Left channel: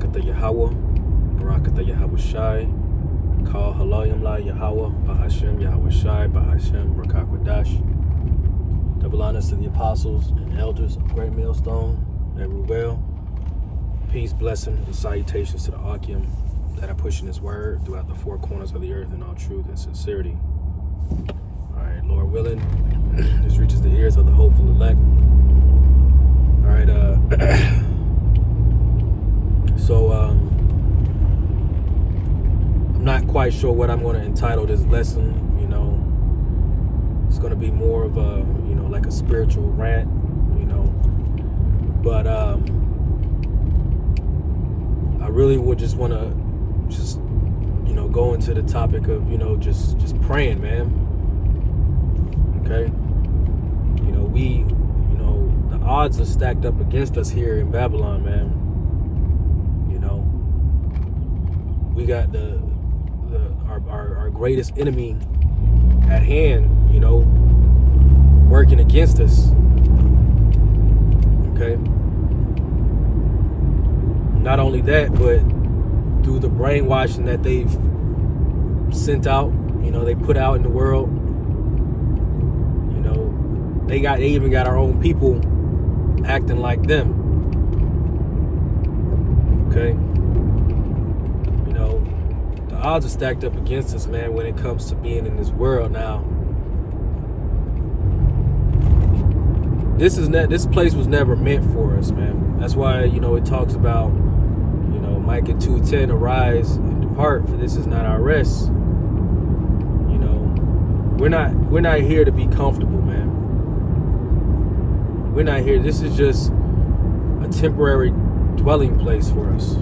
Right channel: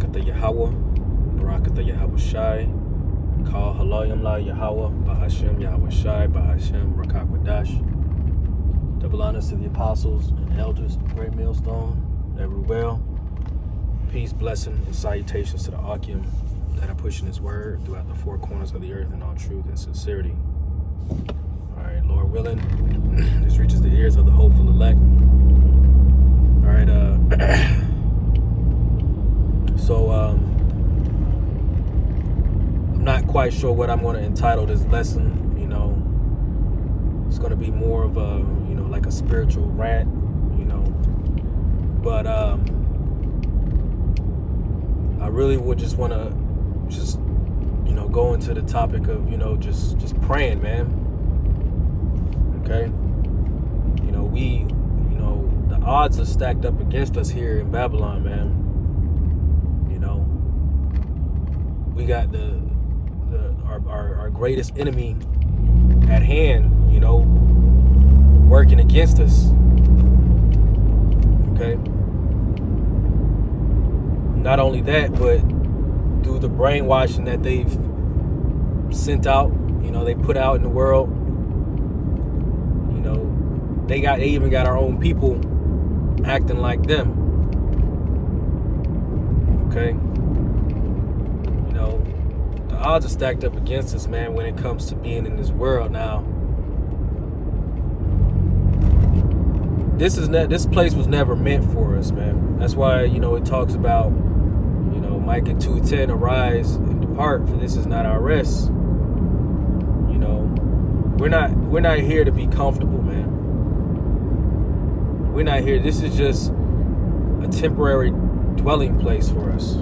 Barakatha Yahweh, Barakatha Yahweh Shai, Kal Halayim La Yahweh, Bahashem Yahweh Shai, Bahashem Rakakwadash. Double honors to the apostles and elders of Great Millstone, everywhere. Peace, blessing, and salutations to the Akim that are pushing his word throughout the four corners of the earth in all truth and sincerity. All right, Lord willing, this reaches the ears of the hopeful elect. All right, so I'm not quite sure what I'm going to entitle this lesson. It's going to be more of a, like a spiritual rant, but I really would just want to go into the topic of, just praying, man. Okay. The odds are stacked up against us here in Babylon, man. We got our greatest enemy at hand, working against us. Okay. Not only that, but through the brainwashing that they've sent out, they put out in the world, they even got our own people acting like them. Okay. The odds are stacked up against us, man, when it comes to being in this world now. This place was never meant for us, man. That's why, it talks about, Micah 2:10, arise and depart, for this is not our rest. We're not here to be comfortable, man. We're not here. This is just a temporary dwelling place for us.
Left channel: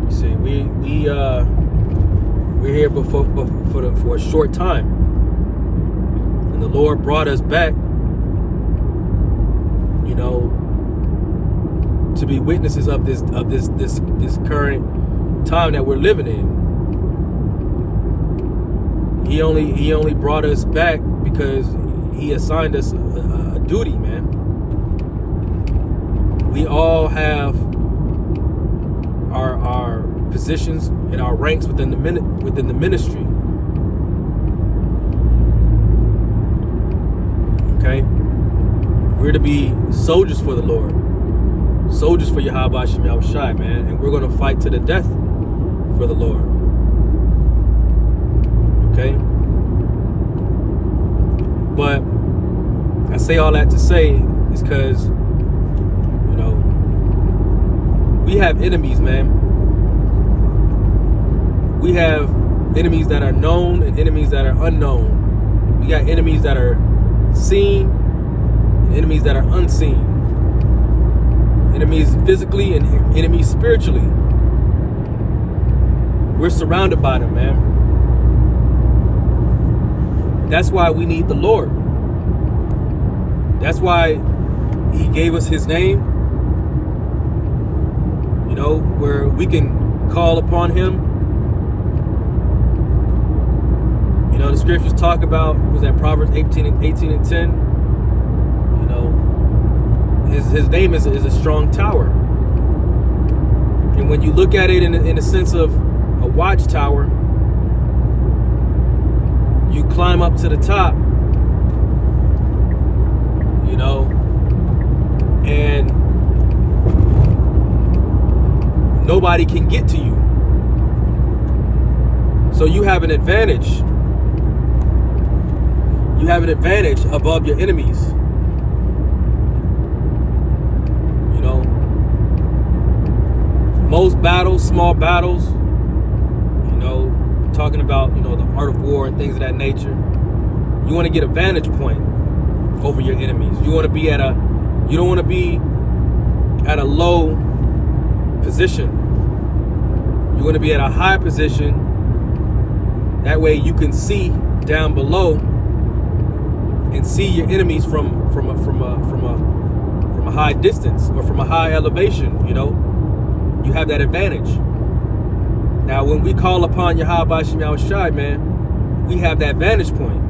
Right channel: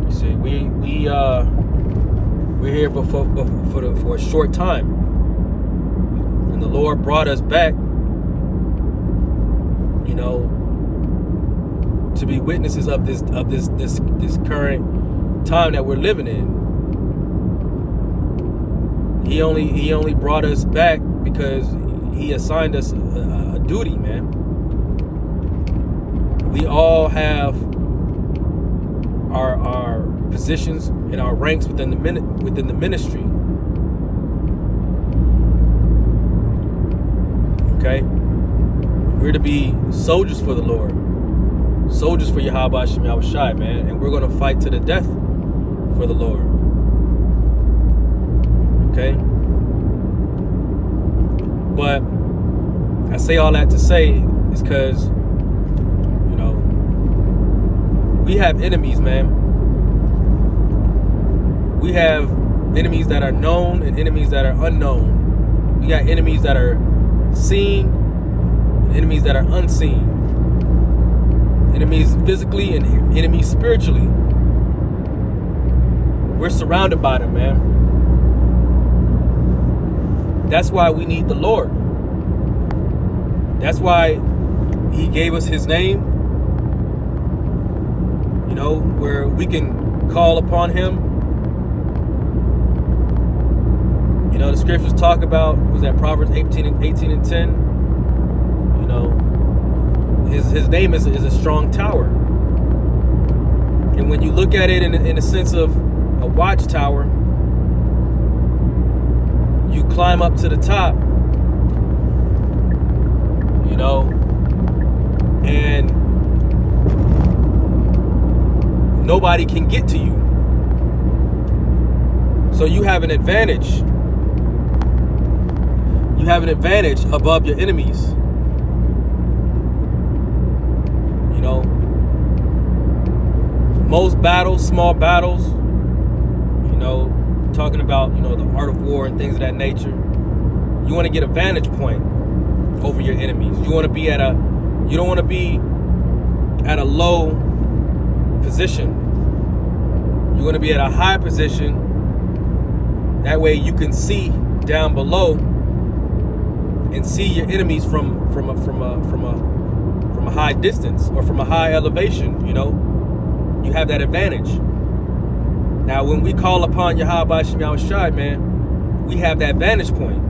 You see, we're here for a short time, and the Lord brought us back, to be witnesses of this current time that we're living in. He only brought us back because he assigned us a duty, man. We all have our positions and our ranks within the ministry. Okay, we're to be soldiers for the Lord, soldiers for Yahweh Shem Yahweh Shai, man, and we're going to fight to the death for the Lord. Okay, but I say all that to say is because we have enemies, man. We have enemies that are known and enemies that are unknown. We got enemies that are seen and enemies that are unseen. Enemies physically and enemies spiritually. We're surrounded by them, man. That's why we need the Lord. That's why he gave us his name, where we can call upon him. The scriptures talk about, was that Proverbs 18 and 10? His name is a strong tower. And when you look at it in a sense of a watchtower, you climb up to the top, and nobody can get to you. So you have an advantage. You have an advantage above your enemies. Most battles, small battles, talking about, the art of war and things of that nature, you want to get a vantage point over your enemies. You don't want to be at a low position. You want to be at a high position. That way you can see down below and see your enemies from a high distance or from a high elevation. You have that advantage. Now, when we call upon Yahweh Shem Yahweh Shai, man, we have that vantage point.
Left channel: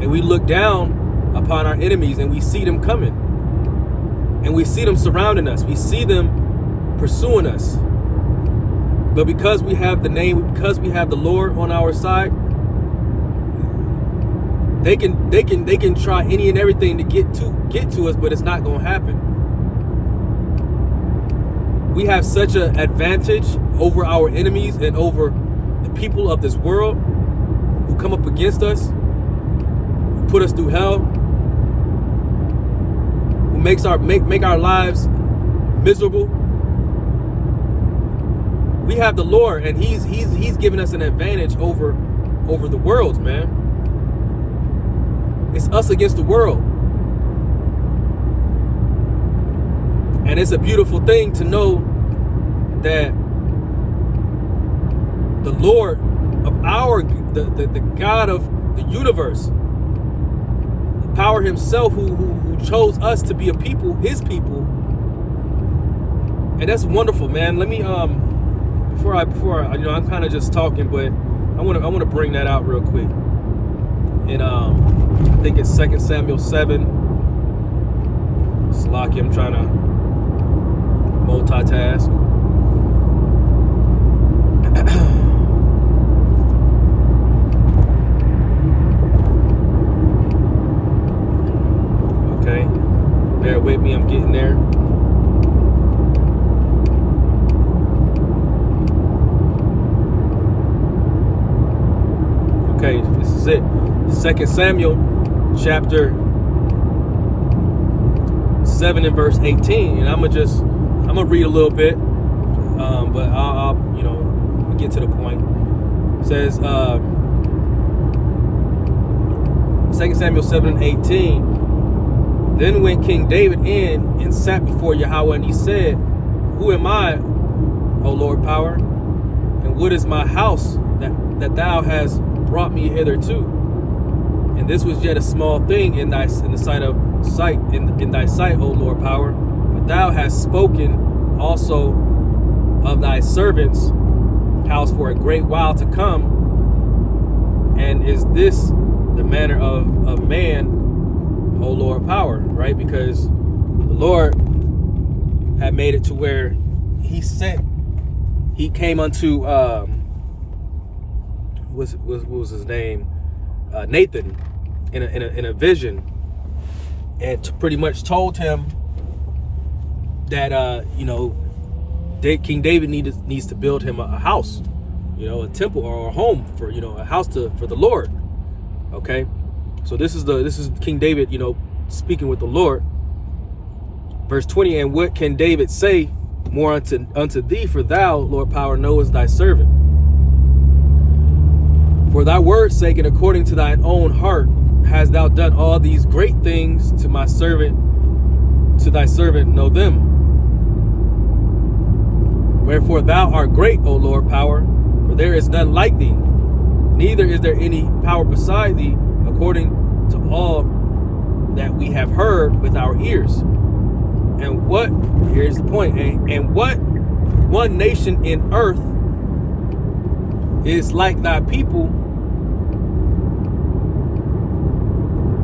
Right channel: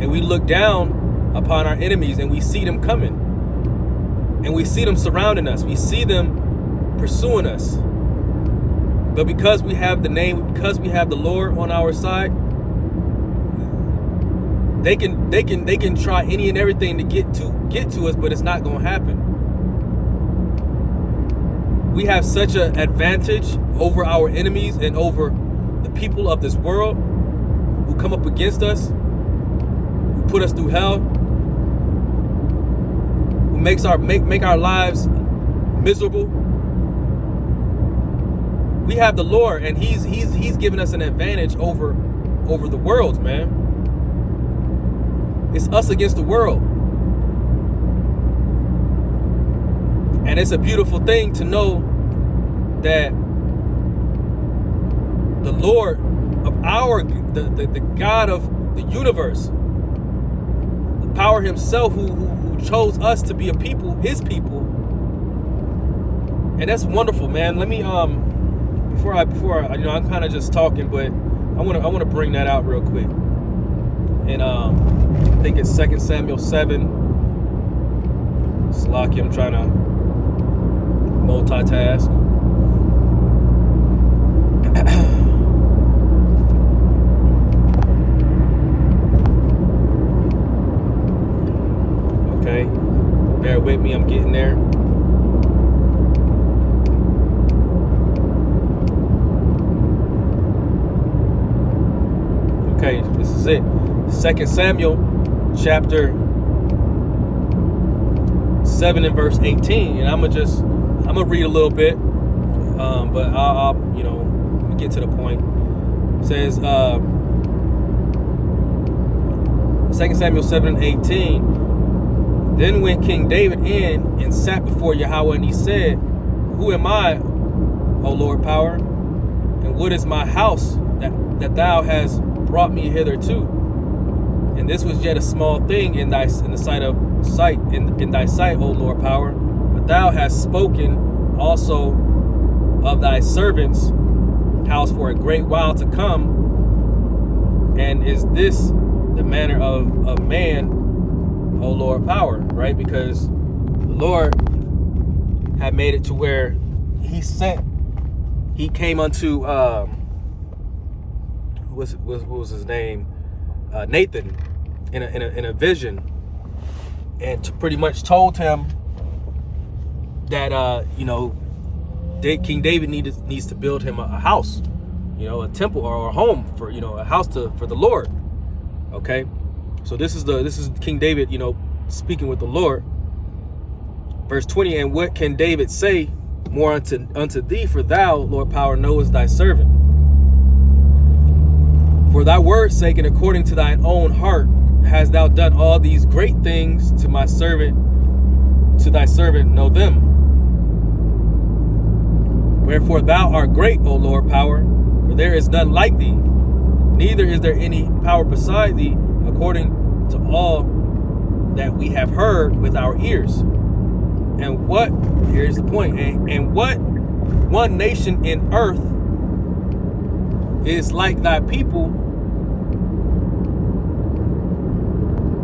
And we look down upon our enemies and we see them coming. And we see them surrounding us. We see them pursuing us. But because we have the name, because we have the Lord on our side, they can try any and everything to get to us, but it's not going to happen. We have such an advantage over our enemies and over the people of this world who come up against us, who put us through hell, who make our lives miserable. We have the Lord, and He's given us an advantage over the world, man. It's us against the world. And it's a beautiful thing to know that the Lord of the God of the universe, the power Himself who chose us to be a people, His people. And that's wonderful, man. Let me before I I'm kind of just talking, but I want to bring that out real quick. And I think it's 2 Samuel 7. Slaki, I'm trying to multitask. Okay, bear with me, I'm getting there. Okay, this is it. 2 Samuel chapter 7 and verse 18, and I'm gonna read a little bit, but I'll get to the point. It says 2 Samuel 7 and 18. Then went King David in and sat before Yahweh, and he said, "Who am I, O Lord power? And what is my house that thou hast brought me hitherto? And this was yet a small thing in thy sight, O Lord power. But thou hast spoken also of thy servant's house for a great while to come. And is this the manner of man, O Lord power?" Right? Because the Lord had made it to where he came unto what was his name? Nathan in a vision, and pretty much told him that King David needs to build him a house, a temple or a home for a house for the Lord. Okay, so this is King David speaking with the Lord. Verse 20, and what can David say more unto thee? For thou, Lord power, knowest thy servant. For thy word's sake, and according to thine own heart, hast thou done all these great things to thy servant, know them. Wherefore thou art great, O Lord power, for there is none like thee, neither is there any power beside thee, according to all that we have heard with our ears. And here's the point, and what one nation in earth is like thy people?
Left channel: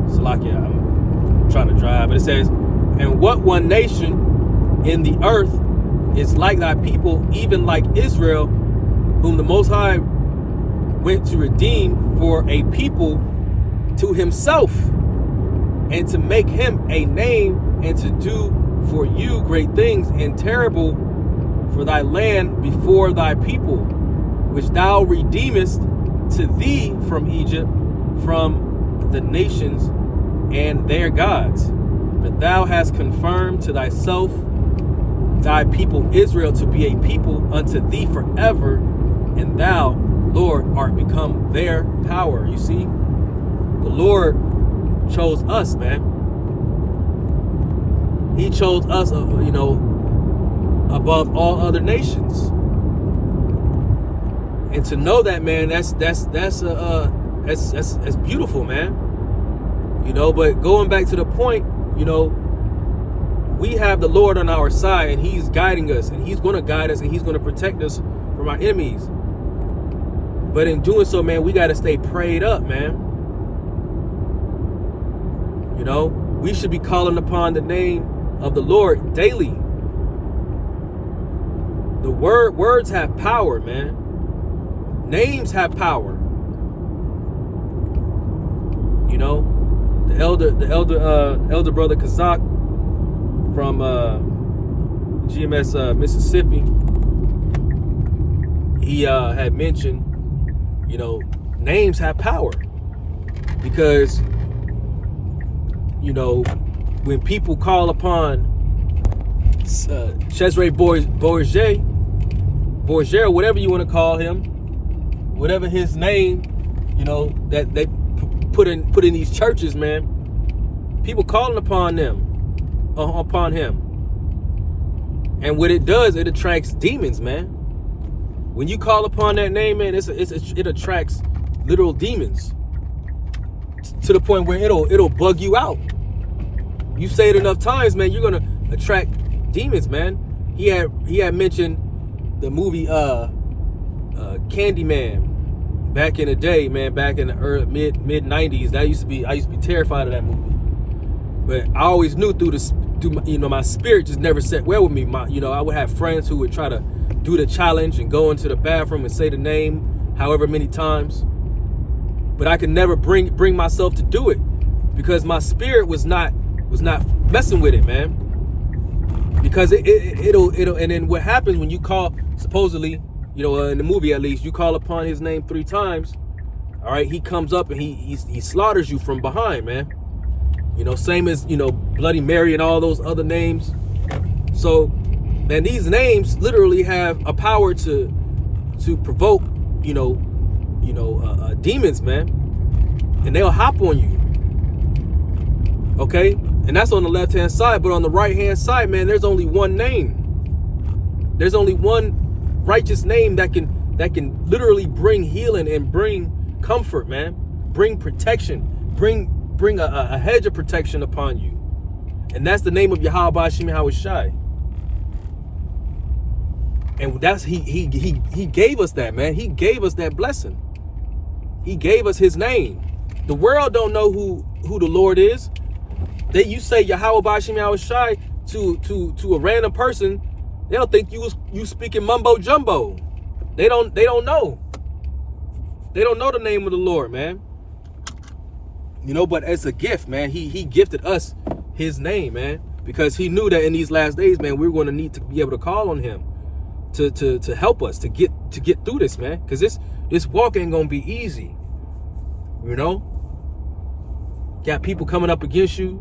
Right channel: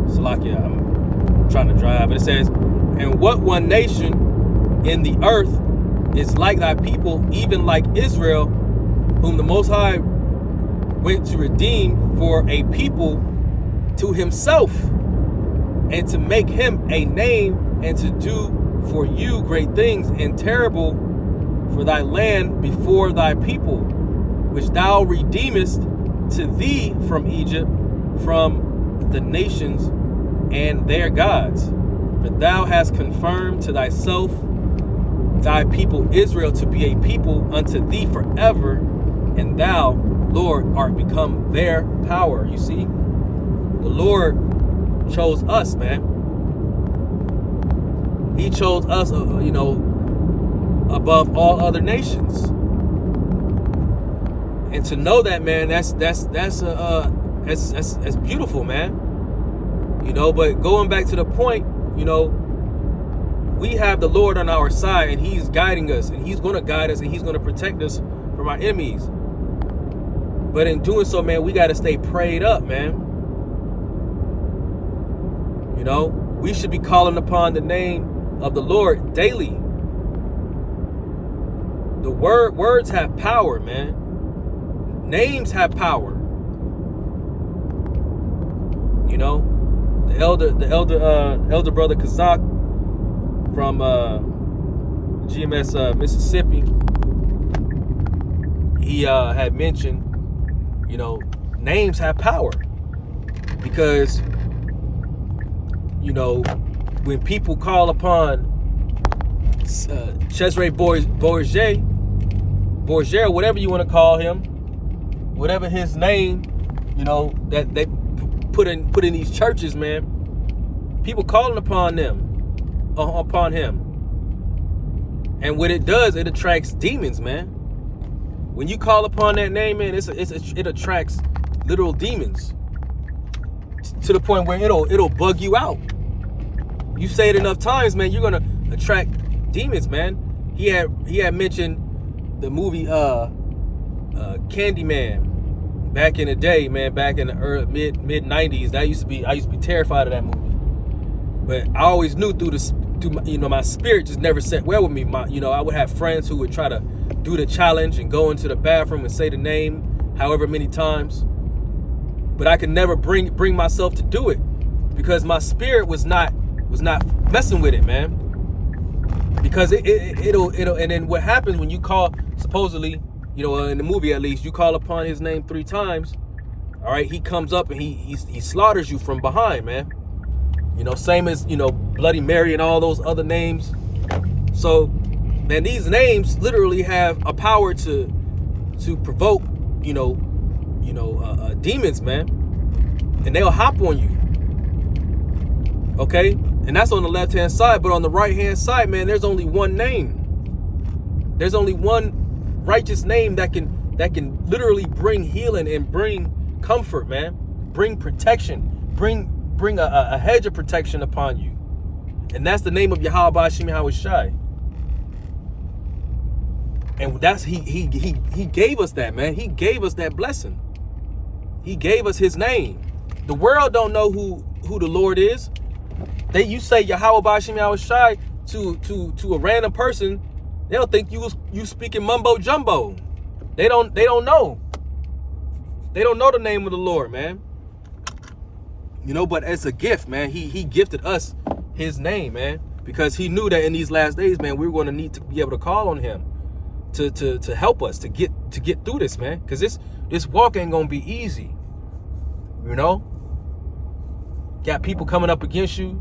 Salakia, I'm trying to drive, but it says, and what one nation in the earth is like thy people, even like Israel, whom the Most High went to redeem for a people to himself, and to make him a name, and to do for you great things and terrible for thy land before thy people, which thou redeemest to thee from Egypt, from the nations and their gods. But thou hast confirmed to thyself thy people Israel to be a people unto thee forever, and thou, Lord, art become their power. You see, the Lord chose us, man. He chose us, above all other nations. And to know that, man, that's beautiful, man. But going back to the point, we have the Lord on our side, and he's guiding us, and he's going to guide us, and he's going to protect us from our enemies. But in doing so, man, we got to stay prayed up, man. We should be calling upon the name of the Lord daily. The words have power, man. Names have power. You know, the elder brother Kazak from GMS Mississippi, he had mentioned, you know, names have power, because, you know, when people call upon Cesare Borgia, whatever you want to call him, whatever his name, you know, that they put in these churches, man, people calling upon him, and what it does, it attracts demons, man. When you call upon that name, man, it attracts literal demons to the point where it'll bug you out. You say it enough times, man, you're gonna attract demons, man. He had mentioned the movie Candyman back in the day, man, back in the early mid 90s. I used to be terrified of that movie. But I always knew through you know, my spirit just never sat well with me. I would have friends who would try to do the challenge and go into the bathroom and say the name however many times. But I could never bring myself to do it, because my spirit was not messing with it, man. Because it'll and then what happens when you call, supposedly, you know, in the movie at least, you call upon his name 3 times, all right, he comes up and he slaughters you from behind, man. You know, same as, you know, Bloody Mary and all those other names. So, man, these names literally have a power to provoke, demons, man, and they'll hop on you. Okay, and that's on the left-hand side, but on the right-hand side, man, there's only one name. There's only one righteous name that can literally bring healing and bring comfort, man, bring protection, bring a hedge of protection upon you, and that's the name of Yahweh Ba'ashim Yahweh Shai. And that's he gave us that, man. He gave us that blessing. He gave us his name. The world don't know who the Lord is. You say Yahweh Ba'ashim Yahweh Shai to a random person, they'll think you speaking mumbo jumbo. They don't know. They don't know the name of the Lord, man. You know, but it's a gift, man. He gifted us his name, man, because he knew that in these last days, man, we're going to need to be able to call on him to help us to get through this, man, because this walk ain't gonna be easy. You know, got people coming up against you,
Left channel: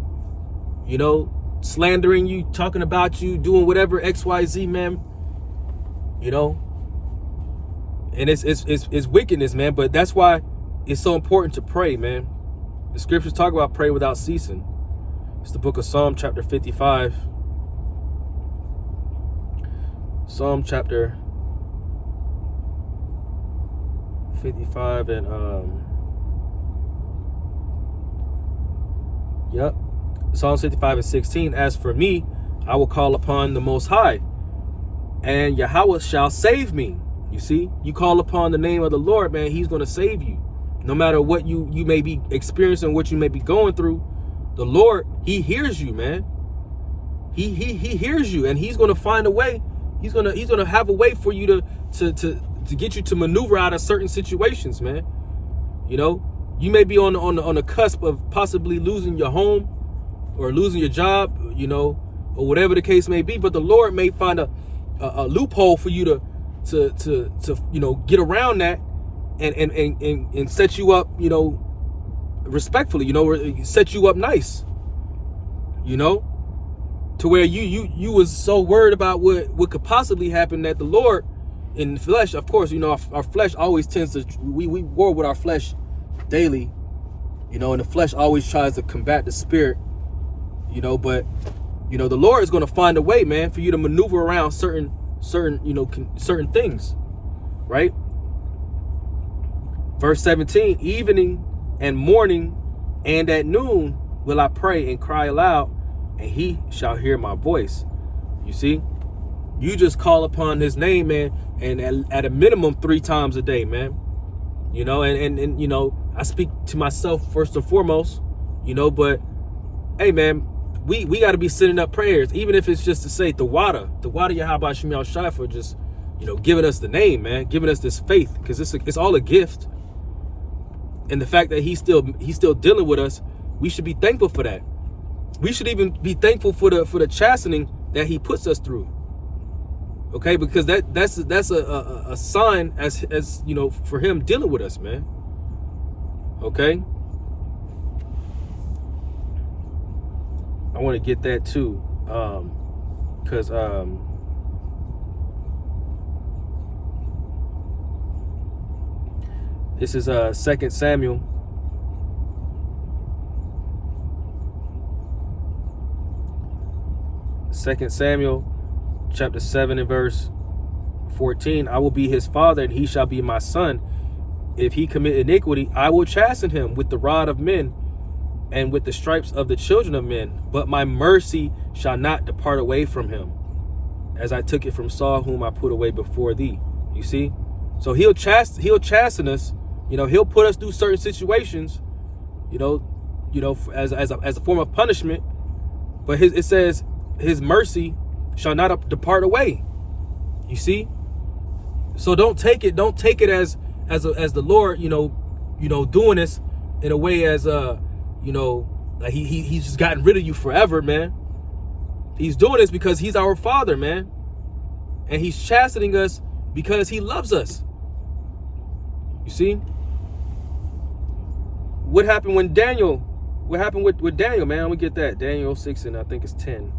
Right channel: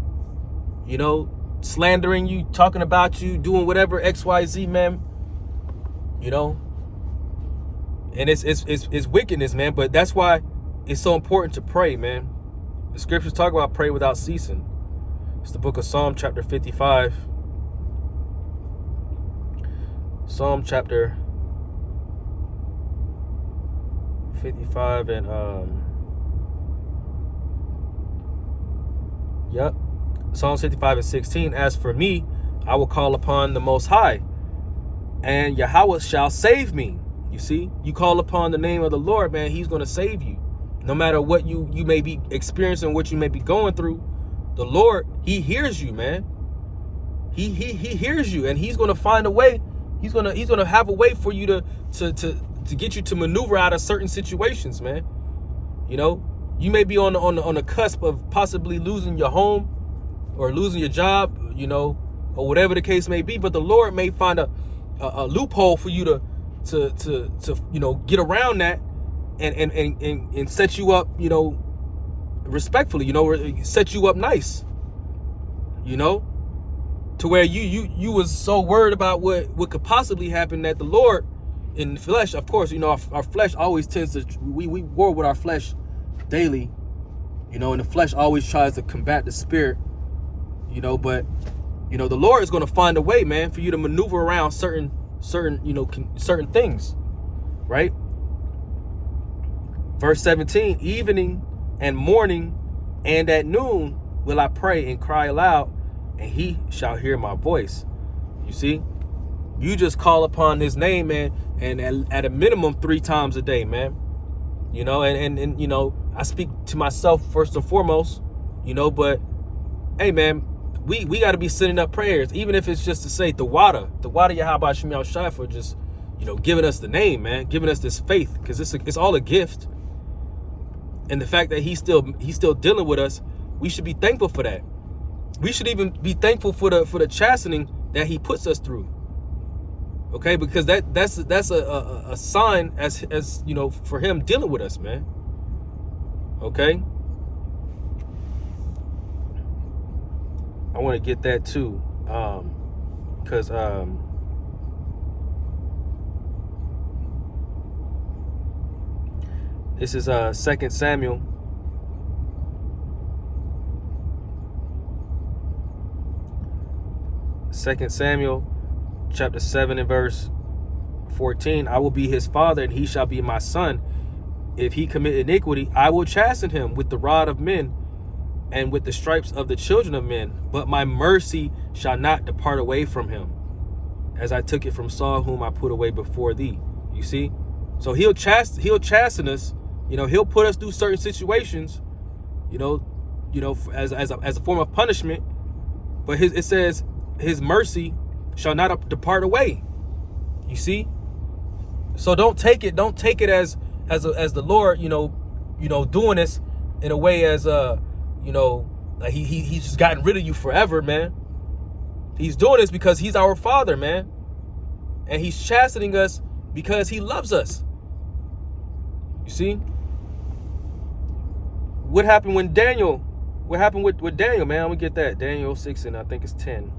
you know, slandering you, talking about you, doing whatever XYZ, man. You know, and it's wickedness, man. But that's why it's so important to pray, man. The scriptures talk about pray without ceasing. It's the book of Psalm chapter 55. Psalm chapter 55 and Psalm 55 and 16. As for me, I will call upon the Most High, and Yahweh shall save me. You see, you call upon the name of the Lord, man, he's going to save you. No matter what you may be experiencing, what you may be going through, the Lord, he hears you, man. He hears you, and he's going to find a way. He's gonna have a way for you to get you to maneuver out of certain situations, man. You know, you may be on the cusp of possibly losing your home or losing your job, you know, or whatever the case may be. But the Lord may find a loophole for you to you know, get around that and set you up, you know, respectfully, you know, set you up nice, you know, to where you was so worried about what could possibly happen that the Lord in the flesh, of course, you know, our flesh always tends to, we war with our flesh daily, you know, and the flesh always tries to combat the spirit, you know, but, you know, the Lord is going to find a way, man, for you to maneuver around certain, you know, certain things, right? Verse 17, evening and morning and at noon will I pray and cry aloud, and he shall hear my voice. You see, you just call upon his name, man, and at a minimum 3 times a day, man. You know, and you know, I speak to myself first and foremost, you know, but hey, man, we got to be sending up prayers, even if it's just to say the water Yahweh Shem Yahushai for just, giving us the name, man, giving us this faith, because it's all a gift. And the fact that he's still dealing with us, we should be thankful for that. We should even be thankful for the chastening that he puts us through. Okay, because that's a sign as for him dealing with us, man. Okay. I want to get that too, because this is 2 Samuel. Chapter 7 and verse 14. I will be his father, and he shall be my son. If he commit iniquity, I will chasten him with the rod of men and with the stripes of the children of men. But my mercy shall not depart away from him, as I took it from Saul, whom I put away before thee. You see? So he'll chasten us. He'll put us through certain situations, as a form of punishment. But it says his mercy shall not depart away. You see? So don't take it as the Lord, doing this in a way as like he's just gotten rid of you forever, man. He's doing this because he's our father, man. And he's chastening us because he loves us. You see? What happened with Daniel, man? I'm gonna get that. Daniel 6 and I think it's 10.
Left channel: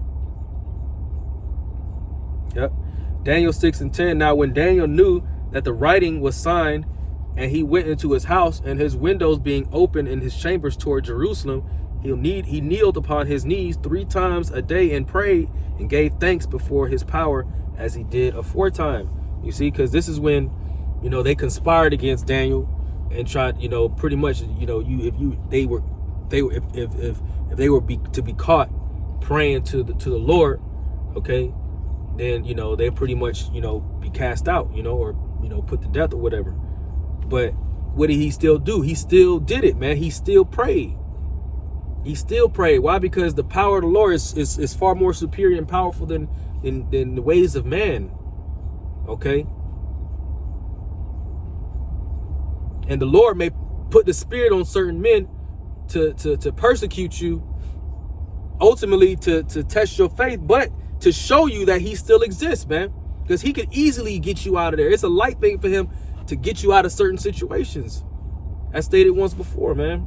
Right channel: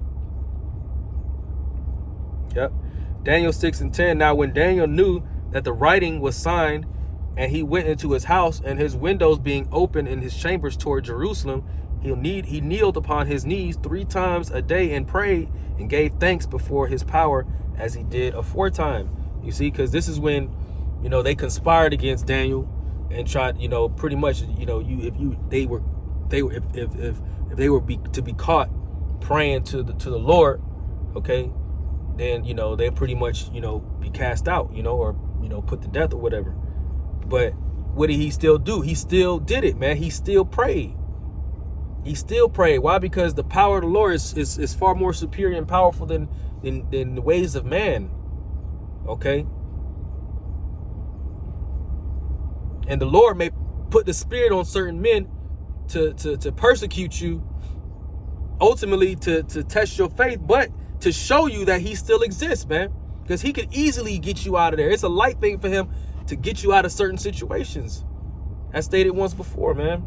Yep. Daniel 6 and 10. Now when Daniel knew that the writing was signed, and he went into his house, and his windows being open in his chambers toward Jerusalem, he kneeled upon his knees 3 times a day and prayed and gave thanks before his power, as he did aforetime. You see, because this is when, they conspired against Daniel and tried, pretty much, if they were to be caught praying to the Lord, okay, then they pretty much be cast out, or put to death or whatever. But what did he still do? He still did it, man. He still prayed. Why? Because the power of the Lord is far more superior and powerful than the ways of man. Okay. And the Lord may put the spirit on certain men to persecute you, ultimately to test your faith, but to show you that he still exists, man. Because he could easily get you out of there. It's a light thing for him to get you out of certain situations. I stated once before, man.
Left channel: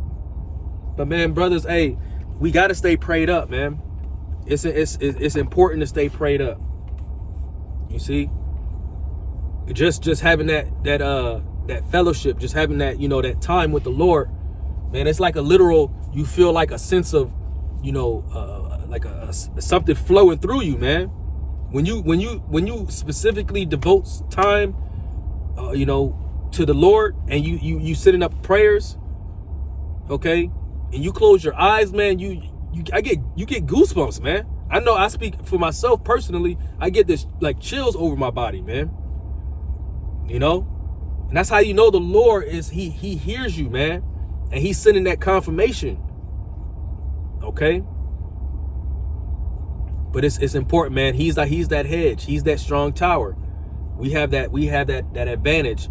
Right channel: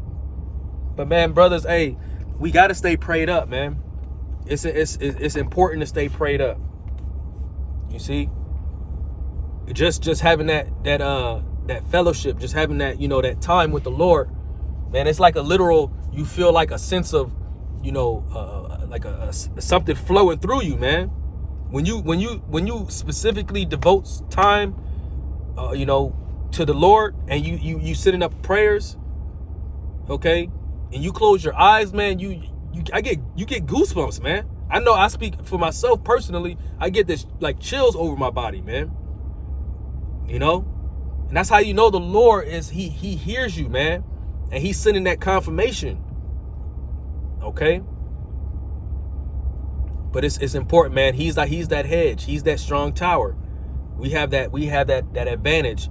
But man, brothers, hey, we got to stay prayed up, man. It's important to stay prayed up. You see, just having that fellowship, just having that that time with the Lord, man. It's like a literal. You feel like a sense of like a something flowing through you, man. When you specifically devote time, to the Lord, and you sending up prayers, okay, and you close your eyes, man, you get goosebumps, man. I know I speak for myself personally. I get this like chills over my body, man. And that's how the Lord is. He hears you, man, and he's sending that confirmation. Okay. But it's important, man. He's that hedge. He's that strong tower. We have that advantage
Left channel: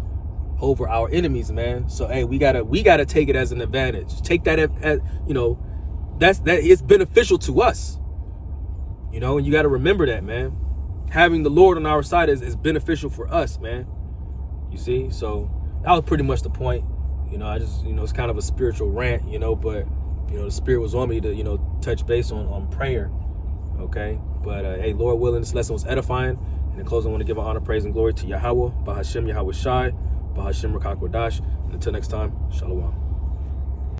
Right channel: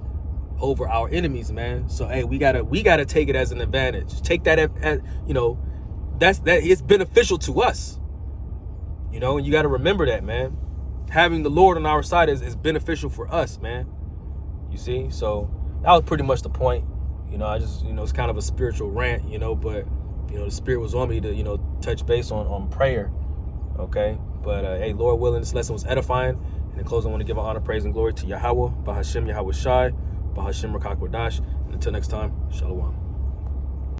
over our enemies, man. So hey, we gotta take it as an advantage. Take that as that it's beneficial to us. And you gotta remember that, man. Having the Lord on our side is beneficial for us, man. You see? So that was pretty much the point. I just it's kind of a spiritual rant, but the spirit was on me to touch base on prayer. Okay, but hey, Lord willing, this lesson was edifying. And in closing, I want to give honor, praise, and glory to Yahweh, Bahashem Yahweh Shai, Bahashem Rakak Wadash. And until next time, Shalom.